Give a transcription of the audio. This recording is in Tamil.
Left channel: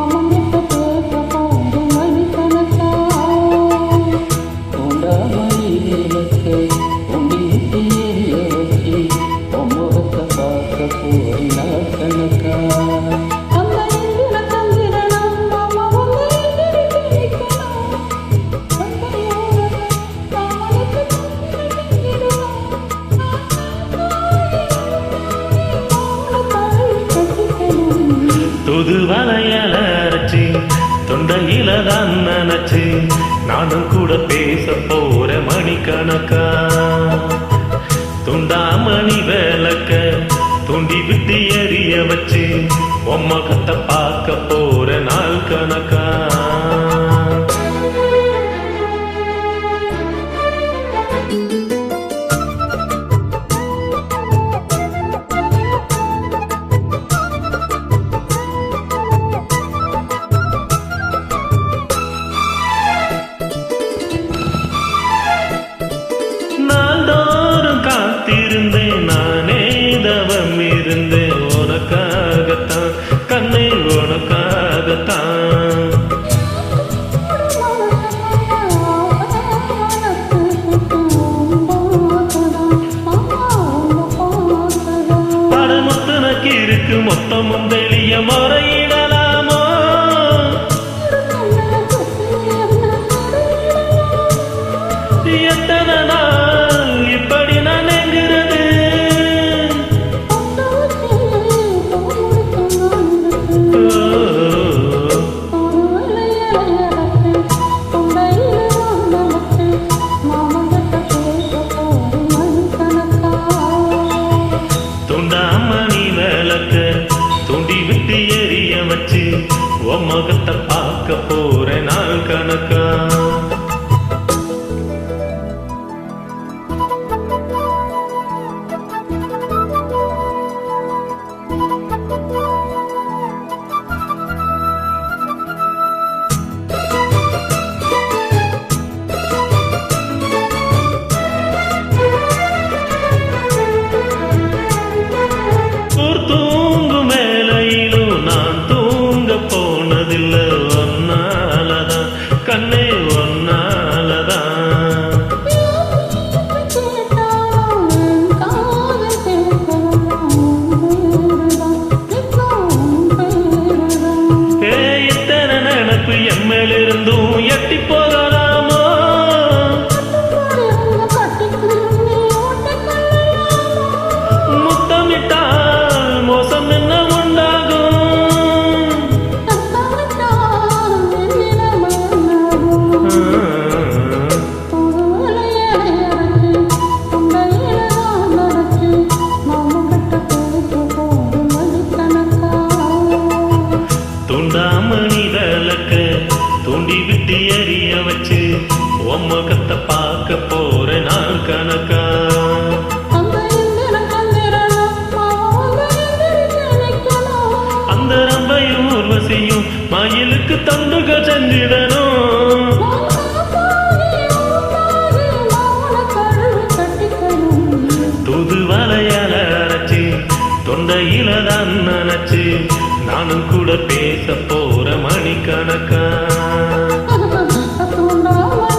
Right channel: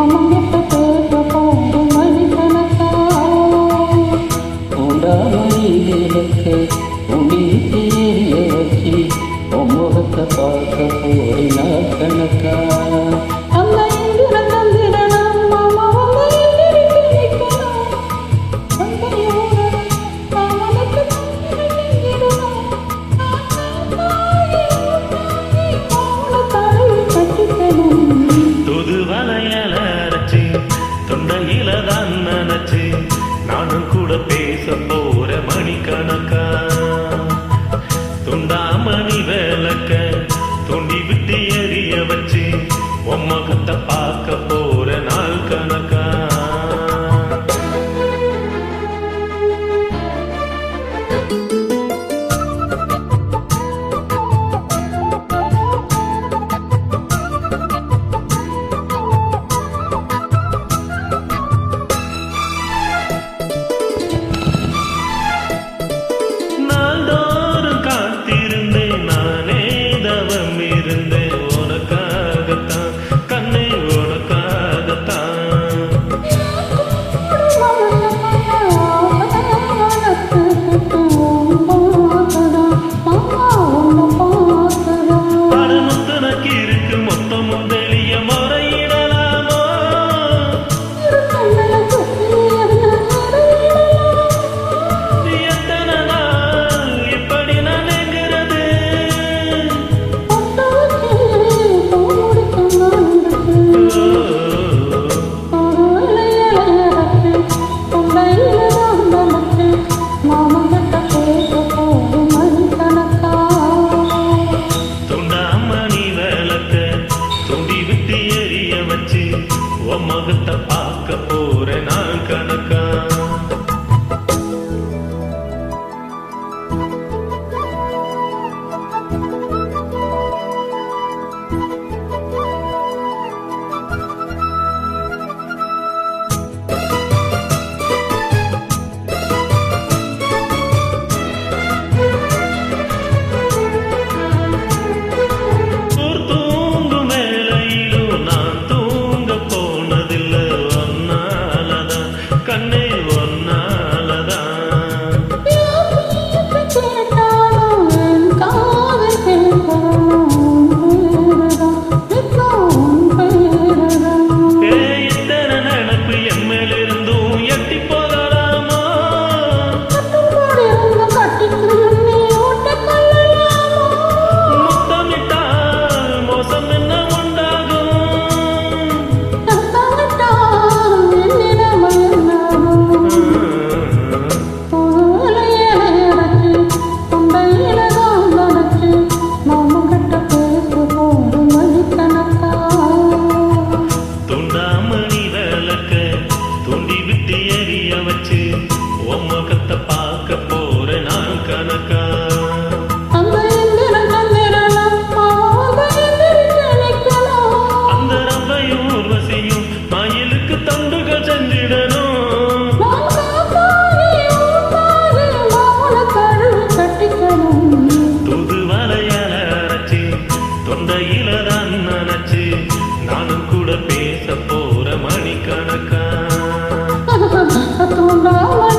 மாமங்கிட்ட பேச போது மணிக்கணக்கா உண்டாமணி விளக்கு உண்டிட்டு எரிய வச்சு முகத்தை பார்க்க போய் நாள் கணக்கா அந்த இந்திர தந்திரனா மாமா வந்து எதிர்த்து நிற்கணும் அந்த யோர அவனுக்கு துது வலையால அரைச்சி தொண்டையில தான் நினைச்சு நானும் கூட பேச போற மணிக்கணக்கா துண்டாமணி விளக்க தூண்டி விட்டு எரிய வச்சு உம்மகத்தை பார்க்க போற நாள் கணக்கா நாள்தோறும் காத்திருந்தேன் நானே தவம் இருந்தேன் உனக்காகத்தான் கண்ணே உனக்காகத்தான் படமுத்தனக்கு இருக்கு மொத்தமும் வெளிய முறையிடலாமோ எத்தனை நாள் இப்படி நான் எங்கிறது துண்டாமணி விளக்க தூண்டி விட்டு எரிய வச்சு உன் முகத்தை பார்க்க போற நாள் கணக்கா தூங்கும் வேலையிலும் நான் தூங்க போனதில்ல ஒன்னாலதான் கண்ணே ஒன்னாலதான் இத்தனை நினப்பு எம்மிலிருந்தும் எட்டி போகலாமோ முத்தமிட்டால் மோசம் என்ன உண்டாகும் துண்டாமணி விளக்க தூண்டி விட்டு எரிய வச்சு உன் முகத்தை பார்க்க போற நாள் கணக்கா அந்த ரம்பையும் ஊர்வசியும் மயிலுக்கு தொண்டுகள் செஞ்சிடணும் துது வலையால அரைச்சி தொண்டையில தான் நினைச்சு நானும் கூட பேச போற மணிக்கணக்கா